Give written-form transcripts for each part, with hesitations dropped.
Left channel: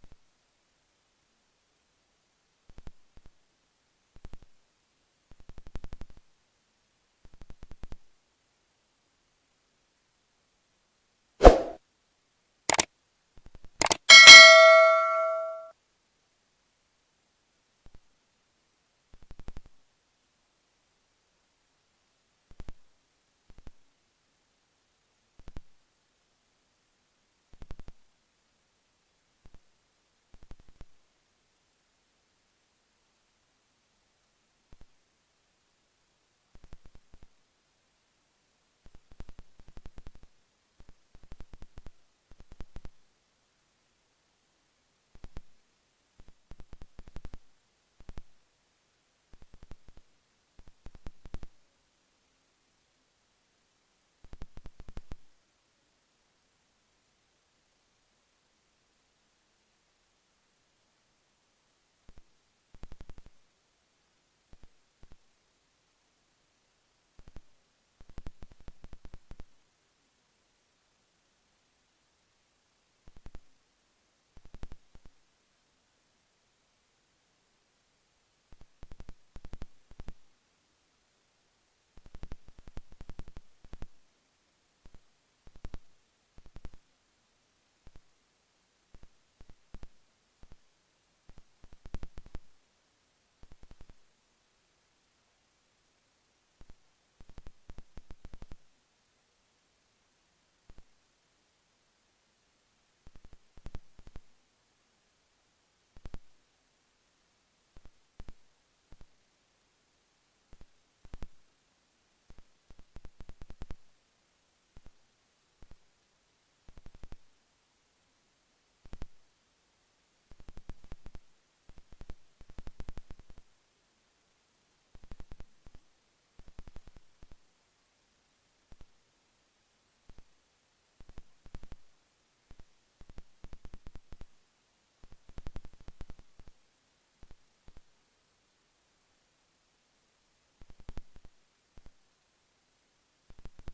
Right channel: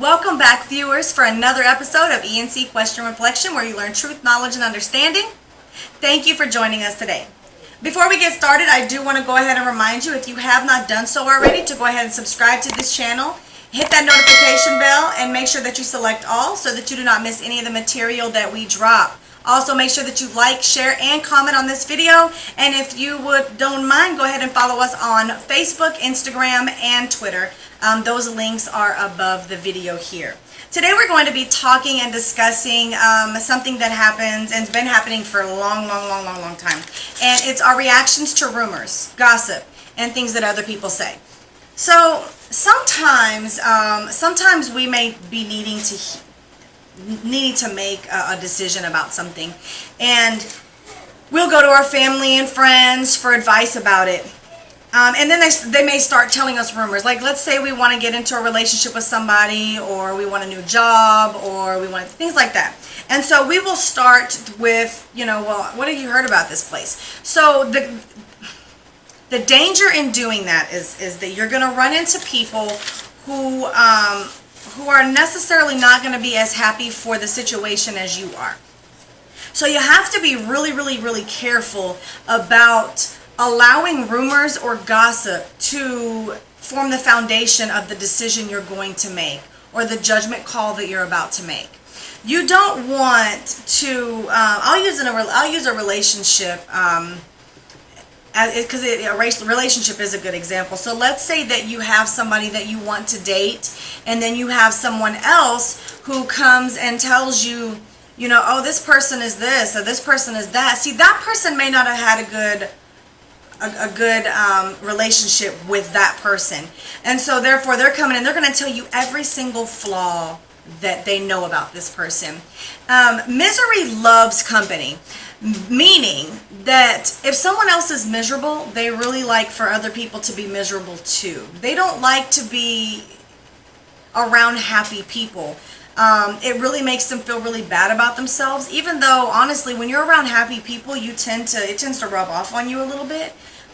Welcome back, viewers, for another episode of E&C Question Reflection, where you learn truth, knowledge, and understanding. Thank you for joining us today. Before we get started, I do want to go ahead and remind you, if you have not done so already, to go ahead and subscribe to this channel, hit that notification bell, and make sure that you select all so that you do not miss any of the material that we drop. Also, make sure that you like, share, and comment on this video. And if you don't mind, go ahead and follow us on Facebook, Instagram, and Twitter. Those links are above the video here. Today we're going to be talking and discussing something that happens and has been happening for a long time. And it's our reactions to rumors, gossip, and things that other people say. So sometimes we may be needing to make a decision about something, and we'll go to our family and friends for advice about it, and then they may start telling us rumors. Like, let's say we want to get into a relationship with somebody, or we want a new job, or we want things like that. And so we will start with, well, what have you heard about this place? So the danger in doing that is that you're going to run into people who are necessarily not going to be as happy for the situation as you are. So you have to be really careful about allowing rumors or gossip to form the foundation of the decision you're going to make or the judgment call that you're about to make. You don't want to, I'll use a relationship, because a relationship is a good example. So let's say that you have somebody that you want to date, and then you have someone else who comes and tells you, oh, this person is this, or this person is that. See, that person may not have had a good relationship with that person. And so therefore they're coming and they're going to tell you every single flaw that they know about this person. Misery loves company. Meaning that if someone else is miserable, they really like for other people to be miserable too. They don't like to be around happy people. It really makes them feel really bad about themselves, even though honestly, when you're around happy people, it tends to rub off on you a little bit.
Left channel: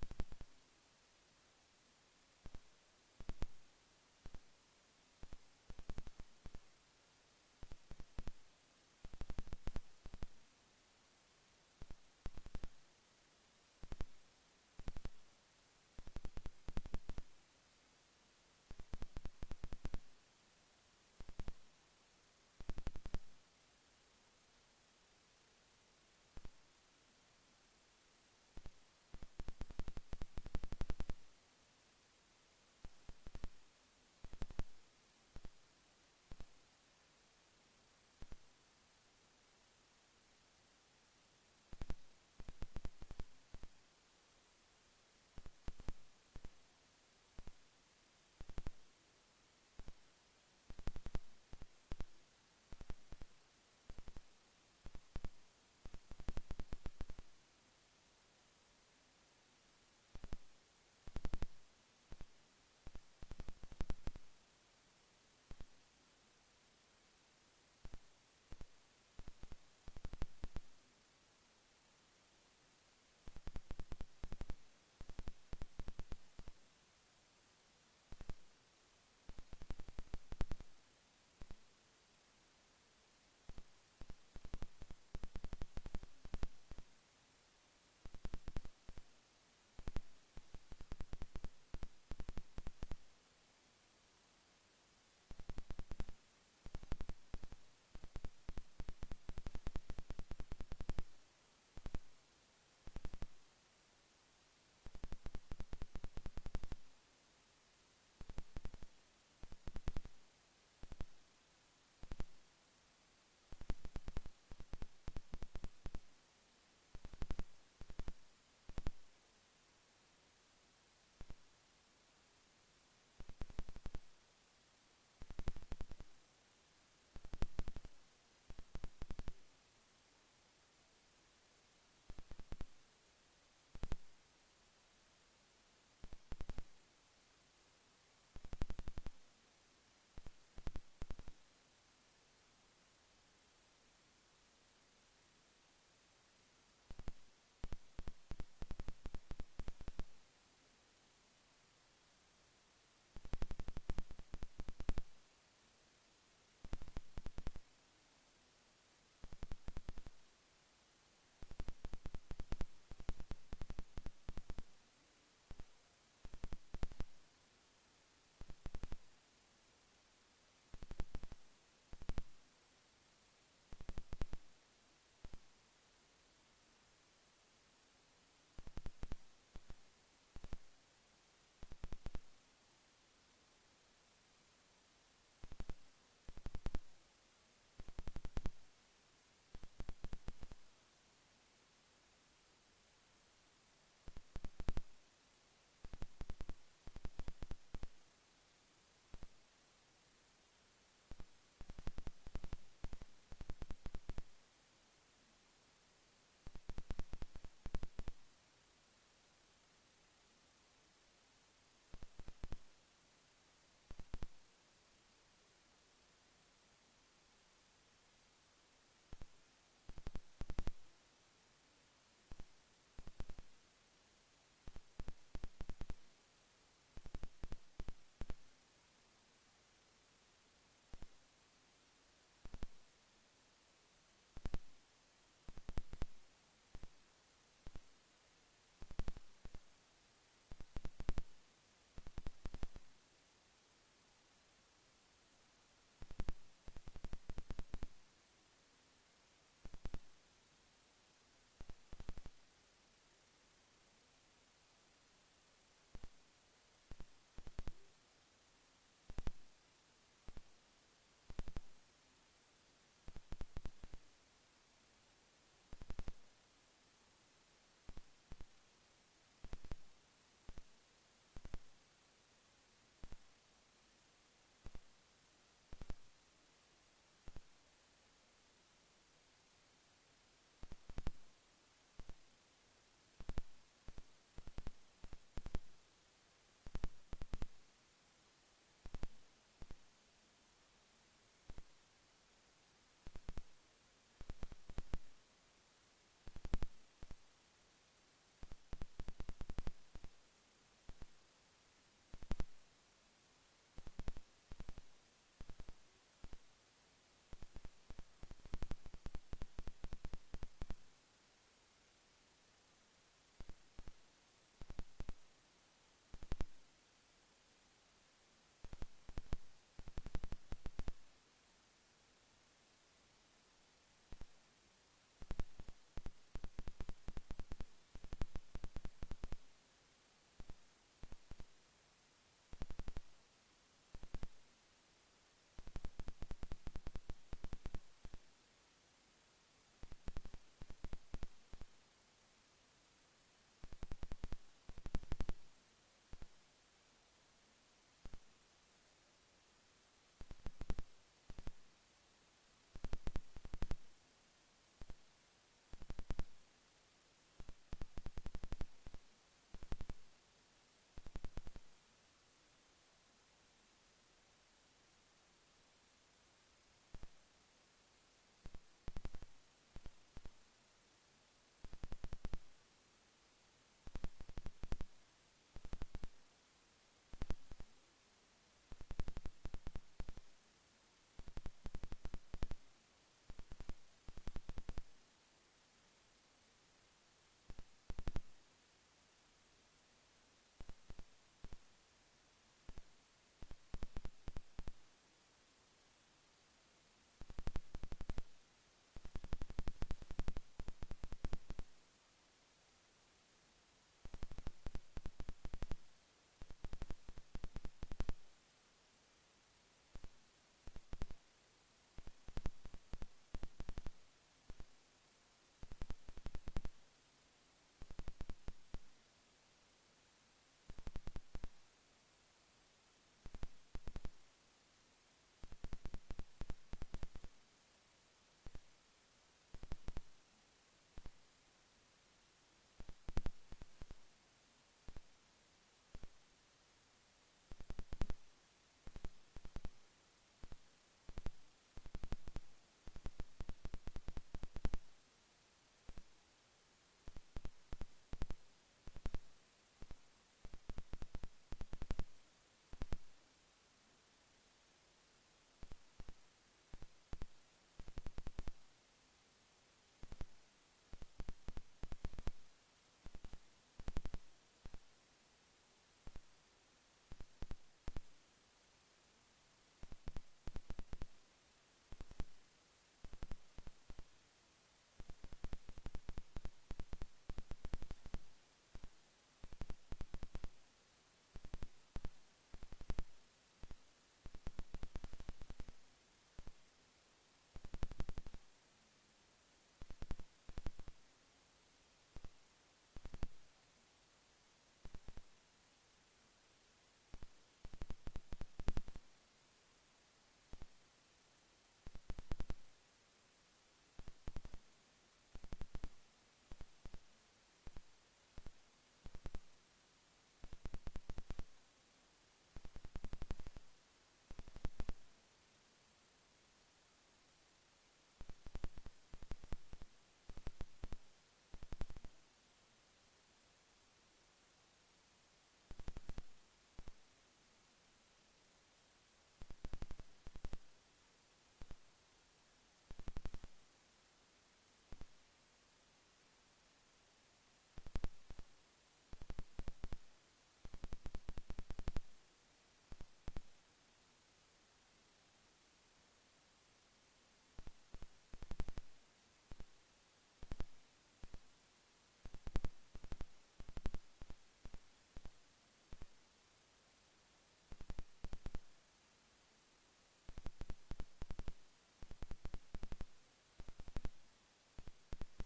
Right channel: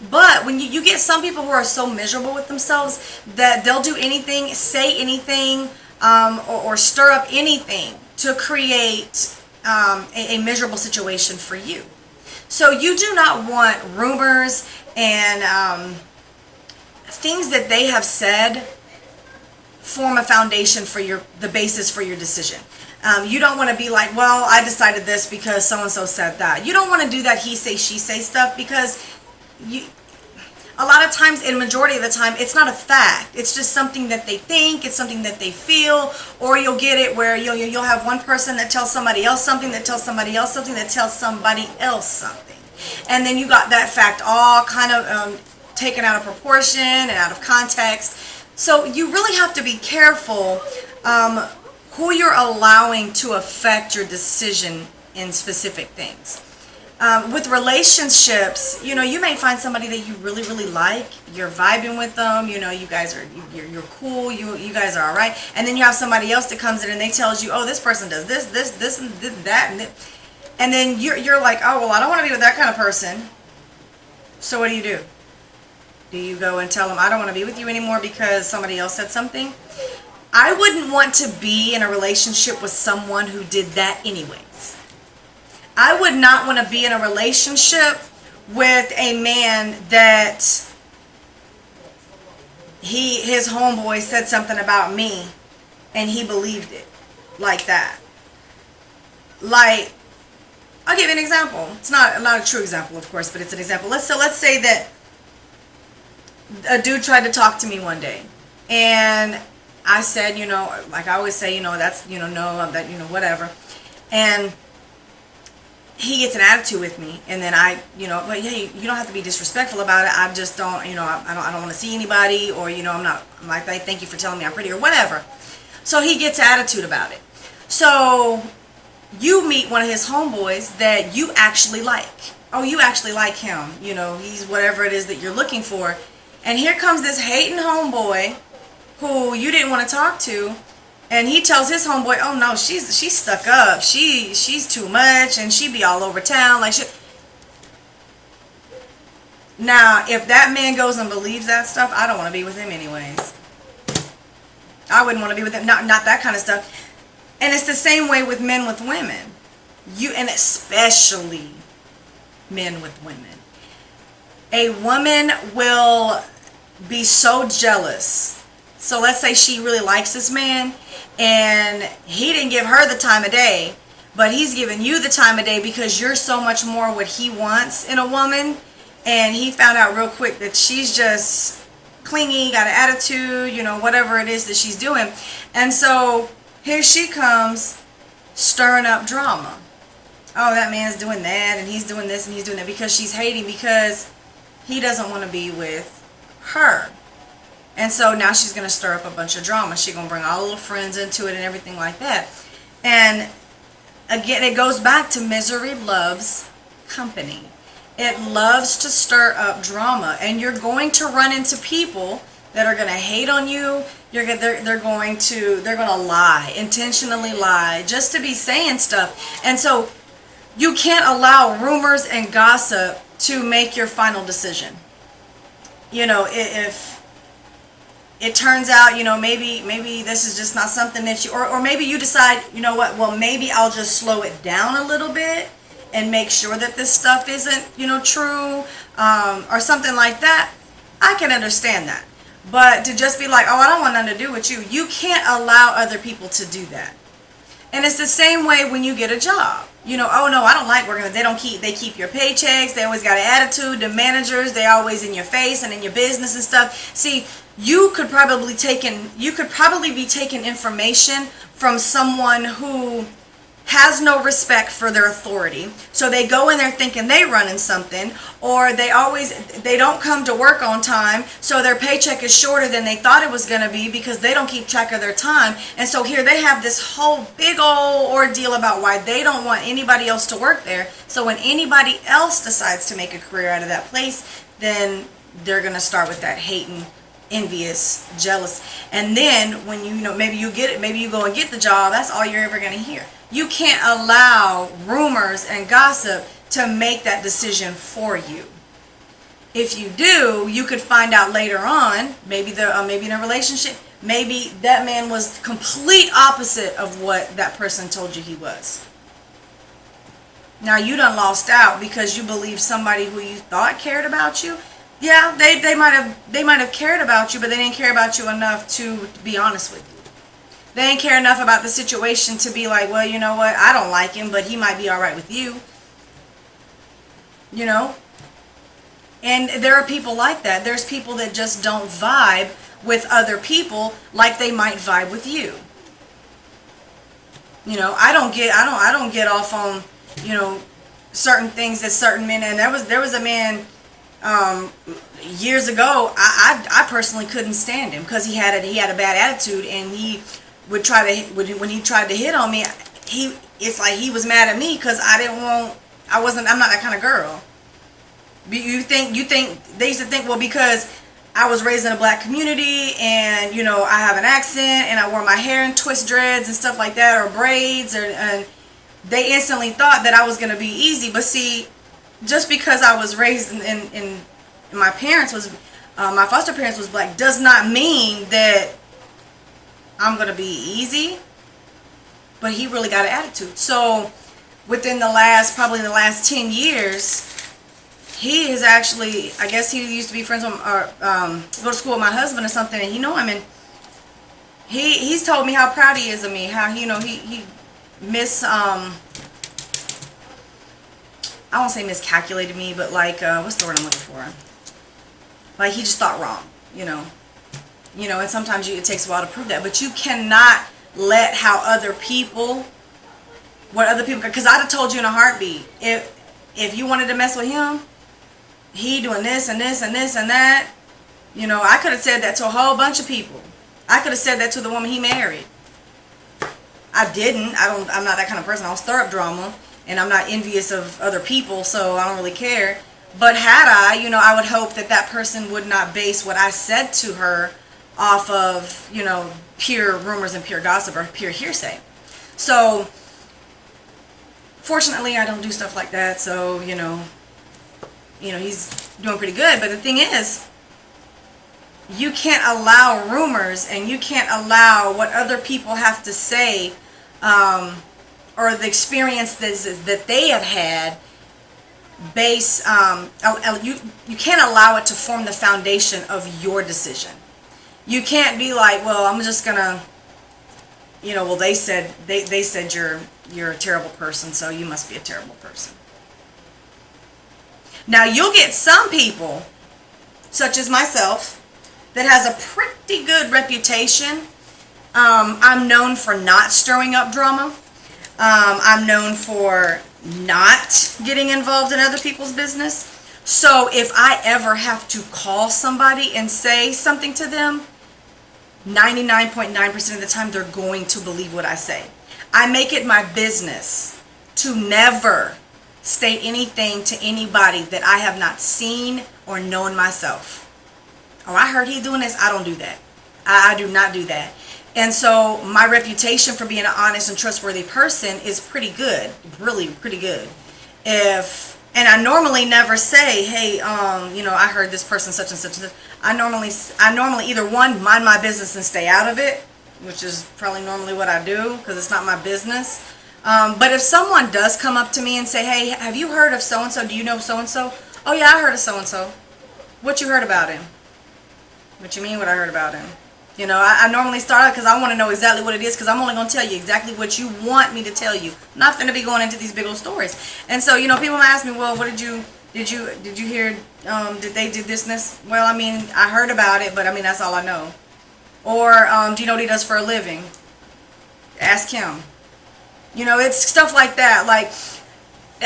But when you get some people who are so miserable with themselves that they'll do anything, say anything, or stir up anything to create a miserable situation for you. So you do not want rumors and things that they have said form a foundation for the basis for your decision. You don't want to be like, well, I decided this because so-and-so said that. You don't want to do that he say, she say stuff, because a lot of times, in majority of the time, it's not a fact. It's just something that they think, it's something that they feel, or you'll get it where you'll have one person that tells somebody else something, that tells somebody else something, that tells somebody else something. And then you got that fact all kind of taken out of proportion and out of context. So you really have to be careful who you're allowing to affect your decision in specific things. With relationships, you may find somebody that you really like. You're vibing with them. You guys are you're cool. You guys are all right. And then you have somebody else that comes in and they tells you, oh, this person does this, and that, and then you're like, oh, well, I don't want to be with that kind of person. So what do? Do you go and tell them, I don't want to be with you anymore because somebody else said something? I wouldn't want to be in a relationship with someone who did that anyways. I would not want to be in a relationship with a man that his homeboy said something about me and he believed it like that. Like, I'll give you an example. It's not a true example, of course, but it's an example. Let's say that a dude tried to talk to me one day, and I said, like I always say, that's, no, that, whatever. And he gets an attitude with me, and then but hey, you don't have to be disrespectful about it. I just don't, I don't want to see anybody, or, I'm like, thank you for telling me I'm pretty, or whatever. So he gets attitude about it. So you meet one of his homeboys that you actually like. Oh, you actually like him. He's whatever it is that you're looking for. And here comes this hating homeboy who you didn't want to talk to, and he tells his homeboy, oh no, she's stuck up, she's too much, and she be all over town like shit. Now, if that man goes and believes that stuff, I don't want to be with him anyways. I wouldn't want to be with him. Not that kind of stuff. And it's the same way with men with women. And especially men with women. A woman will be so jealous. So let's say she really likes this man and he didn't give her the time of day, but he's giving you the time of day because you're so much more what he wants in a woman. And he found out real quick that she's just clingy, got an attitude, whatever it is that she's doing. And so here she comes stirring up drama. Oh, that man's doing that and he's doing this and he's doing that, because she's hating because he doesn't want to be with her. And so now she's going to stir up a bunch of drama. She's going to bring all the little friends into it and everything like that. And again, it goes back to misery loves company. It loves to stir up drama. And you're going to run into people that are going to hate on you. They're going to lie, intentionally lie, just to be saying stuff. And so you can't allow rumors and gossip to make your final decision. If it turns out, maybe this is just not something that you, or maybe you decide, well, maybe I'll just slow it down a little bit and make sure that this stuff isn't, true, or something like that. I can understand that. But to just be like, oh, I don't want nothing to do with you. You can't allow other people to do that. And it's the same way when you get a job. Oh no, I don't like working. They keep your paychecks. They always got an attitude. The managers, they always in your face and in your business and stuff. See, you could probably be taking information from someone who has no respect for their authority. So they go in there thinking they running something, or they don't come to work on time, so their paycheck is shorter than they thought it was going to be because they don't keep track of their time. And so here they have this whole big old ordeal about why they don't want anybody else to work there. So when anybody else decides to make a career out of that place, then they're going to start with that hating, envious, jealous. And then when maybe you get it, maybe you go and get the job, that's all you're ever going to hear. You can't allow rumors and gossip to make that decision for you. If you do, you could find out later on, maybe in a relationship, maybe that man was complete opposite of what that person told you he was. Now you done lost out because you believe somebody who you thought cared about you. Yeah, they might have cared about you, but they didn't care about you enough to be honest with you. They didn't care enough about the situation to be like, well, you know what, I don't like him, but he might be all right with you. And there are people like that. There's people that just don't vibe with other people like they might vibe with you. I don't get off on, certain things that certain men. And there was a man years ago. I personally couldn't stand him because he had a bad attitude, and he would when he tried to hit on me, it's like he was mad at me because I'm not that kind of girl. You think they used to think, well, because I was raised in a black community and I have an accent and I wore my hair in twist dreads and stuff like that, or braids, and they instantly thought that I was going to be easy. But see, just because I was raised in my parents was my foster parents was black does not mean that I'm going to be easy. But he really got an attitude. So within probably the last 10 years, he is actually, I guess he used to be friends with, or go to school with my husband or something, and he know him, and he's told me how proud he is of me, how he I won't say miscalculated me, but like, what's the word I'm looking for? Like, he just thought wrong, and sometimes it takes a while to prove that, but you cannot let what other people, because I'd have told you in a heartbeat, if you wanted to mess with him, he doing this and this and this and that, I could have said that to a whole bunch of people. I could have said that to the woman he married. I didn't. I'm not that kind of person. I'll stir up drama, and I'm not envious of other people, so I don't really care. But had I, I would hope that person would not base what I said to her off of, pure rumors and pure gossip or pure hearsay. So, fortunately, I don't do stuff like that, so, he's doing pretty good. But the thing is, you can't allow rumors, and you can't allow what other people have to say, or the experience that they have had you can't allow it to form the foundation of your decision. You can't be like, well, I'm just gonna, well, they said you're a terrible person, so you must be a terrible person. Now, you'll get some people, such as myself, that has a pretty good reputation. I'm known for not stirring up drama. I'm known for not getting involved in other people's business. So if I ever have to call somebody and say something to them, 99.9% of the time they're going to believe what I say. I make it my business to never state anything to anybody that I have not seen or known myself. Oh, I heard he doing this. I don't do that. I do not do that. And so my reputation for being an honest and trustworthy person is pretty good, really pretty good. And I normally never say, hey, I heard this person such and such and such. I normally either one, mind my business and stay out of it, which is probably normally what I do because it's not my business. But if someone does come up to me and say, hey, have you heard of so-and-so? Do you know so-and-so? Oh, yeah, I heard of so-and-so. What you heard about him? What you mean what I heard about him? I normally start out because I want to know exactly what it is, because I'm only going to tell you exactly what you want me to tell you. I'm not going to be going into these big old stories. And so, people might ask me, well, what did you hear, did they do this and this? Well, I heard about it, but that's all I know. Or, do you know what he does for a living? Ask him. It's stuff like that.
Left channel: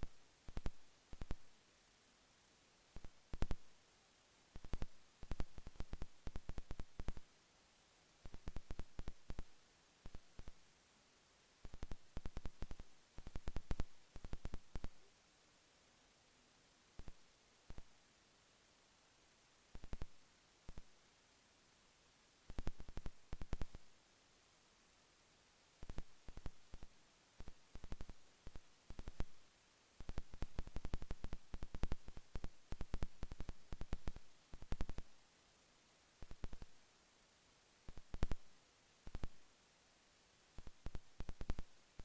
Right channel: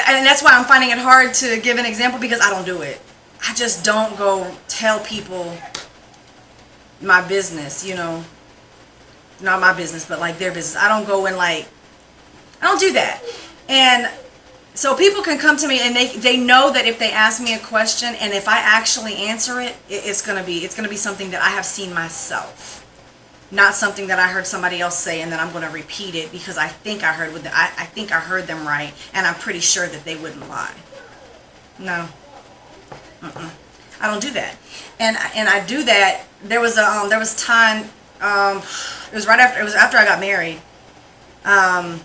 And that's why I'm finding it hard to give an example, because I don't do it. I just don't go tell people my business, not my business, but their business. I don't go and I don't do that. And so people can come to me and they know that if they ask me a question and if I actually answer it, it's gonna be something that I have seen myself, not something that I heard somebody else say and then I'm gonna repeat it because I think I heard them right, and I'm pretty sure that they wouldn't lie. No. I don't do that. And I do that. There was time, it was after I got married. I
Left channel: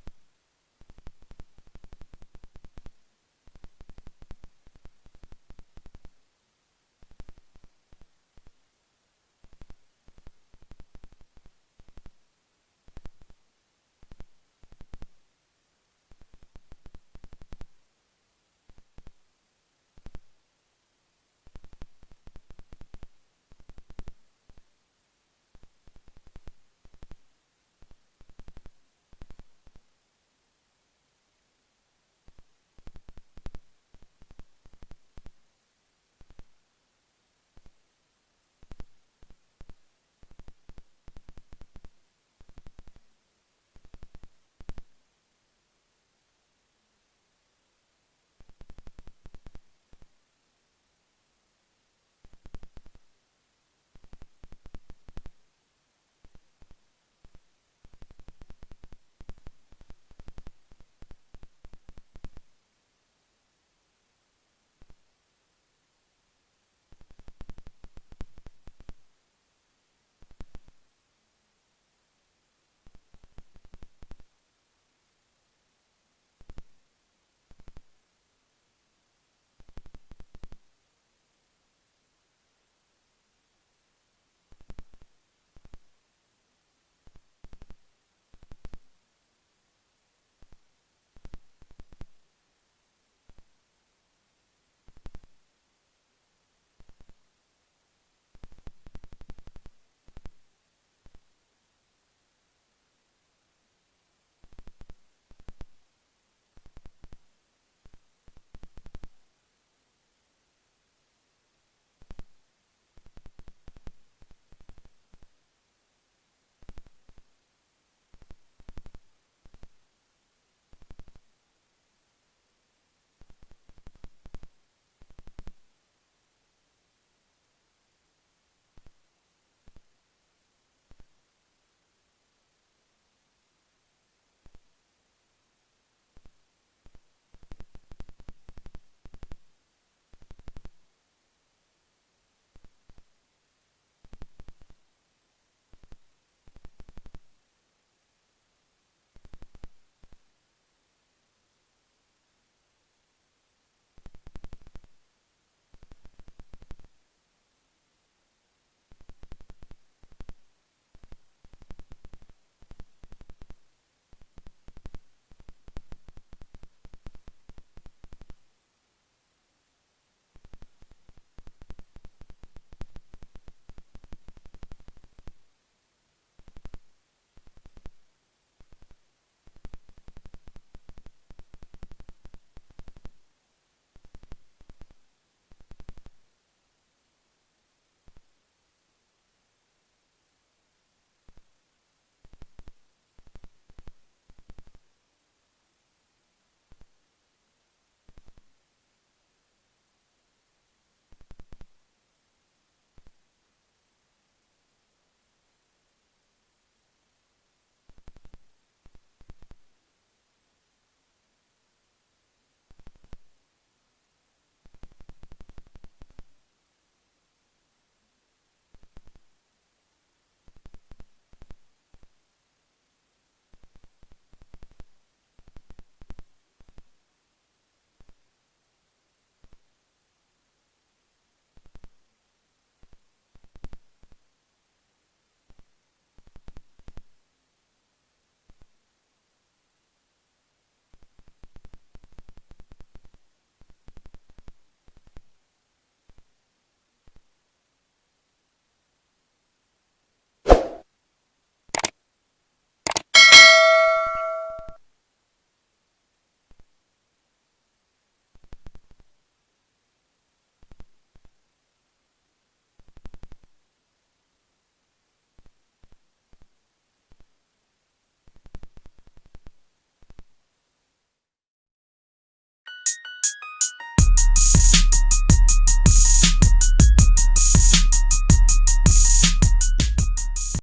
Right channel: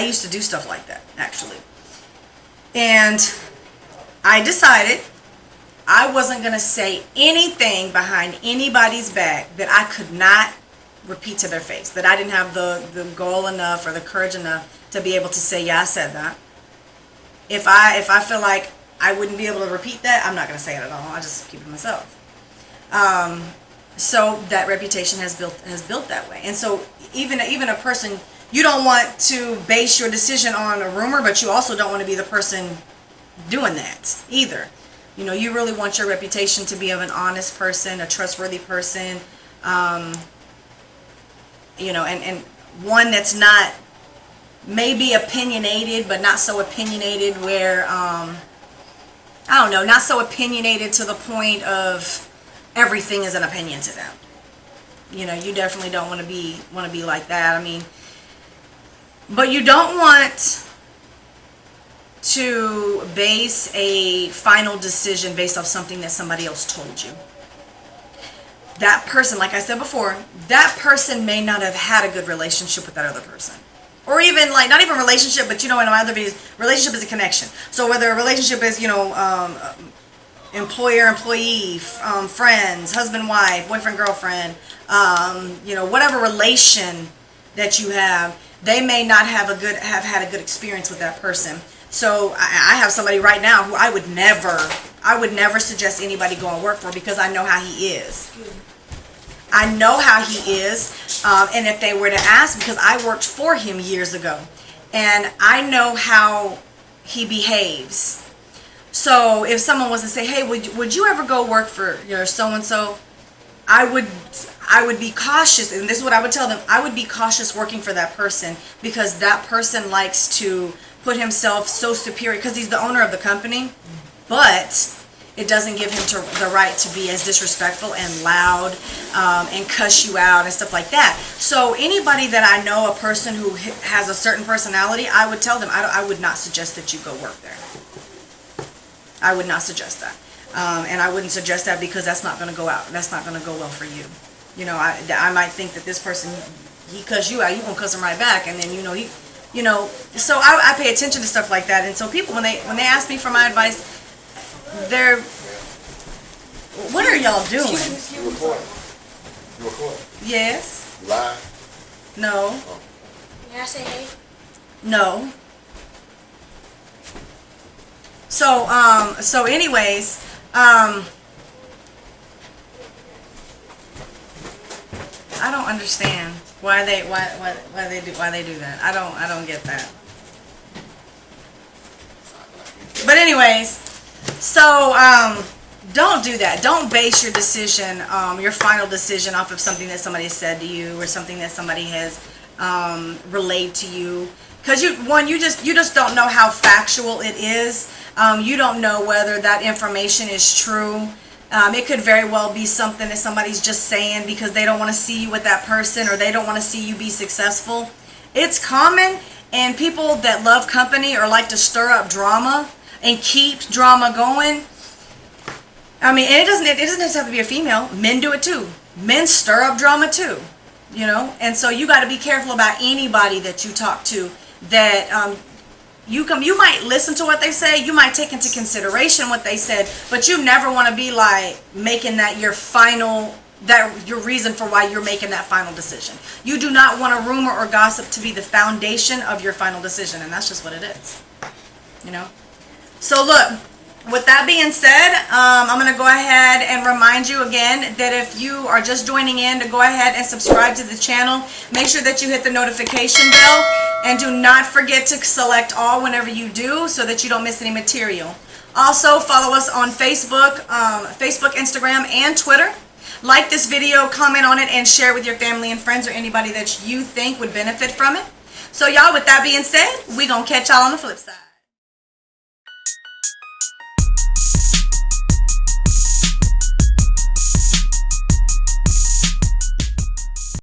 used to do stuff like that, actually. And I decided I wasn't going to say anything behind anybody's back that I could not repeat to their face, that I didn't have the goal enough or the courage enough to be able to say, yeah, I said that. If I feel like I wouldn't be able to repeat that, I'm not going to say it at all. I just keep it to myself. So that reputation has built that way. And so even a person, you don't want to base your decision on a rumor, but you also don't want to be the person doing that either. You really want your reputation to be of an honest person, a trustworthy person, and one that's not maybe opinionated, but not so opinionated where, not so opinionated to the point of everything is an opinion to them. You definitely don't want to be like that. But you don't want to base a final decision based off something that somebody else told you. That person, like I said before, that person may not have had a good relationship with that other person. Or even, not even relationship, but in my other videos, relationship is a connection. So whether a relationship is, employer, employee, friends, husband, wife, boyfriend, girlfriend, whatever relation that you have, they may not have had a good experience with that person. So I have somebody right now who I would never suggest anybody go and work for, because I know how he is. I know how he is, and if they were to ask, because I worked for him years ago, and I know how he behaves. So if someone was to say, hey, would you ever go work for so-and-so, I would be cautious, and this is what I would tell them. I would be cautious working for that person, because that person likes to put himself so superior, because he's the owner of the company, but it doesn't give him the right to be as disrespectful and loud and cuss you out and stuff like that. So anybody that I know, a person who has a certain personality, I would tell them, I would not suggest that you go work there. I would not suggest that. And I wouldn't suggest that because that's not going to go out. That's not going to go well for you. You know, I might think that this person, he cuss you out, you gonna cuss him right back, and then so I pay attention to stuff like that. And so people, when they ask me for my advice, they're, what are y'all doing? You recording? You recording? Yes. Live? No. Oh. May I say hey? No. So anyways, I don't understand why they do that. I don't get that. But anyways, so don't do that. Don't base your decision, your final decision, off of something that somebody has said to you or something that somebody has relayed to you. Because you just don't know how factual it is. You don't know whether that information is true. It could very well be something that somebody's just saying because they don't want to see you with that person, or they don't want to see you be successful. It's common, and people that love company or like to stir up drama and keep drama going. I mean, and it doesn't have to be a female. Men do it too. Men stir up drama too, And so you got to be careful about anybody that you talk to. That you might listen to what they say, you might take into consideration what they said, but you never want to be like making that your reason for why you're making that final decision. You do not want a rumor or gossip to be the foundation of your final decision, and that's just what it is. So look, with that being said, I'm going to go ahead and remind you again that if you are just joining in, to go ahead and subscribe to the channel. Make sure that you hit the notification bell, and do not forget to select all whenever you do so that you don't miss any material. Also, follow us on Facebook, Instagram, and Twitter. Like this video, comment on it, and share with your family and friends or anybody that you think would benefit from it. So y'all, with that being said, we're going to catch y'all on the flip side.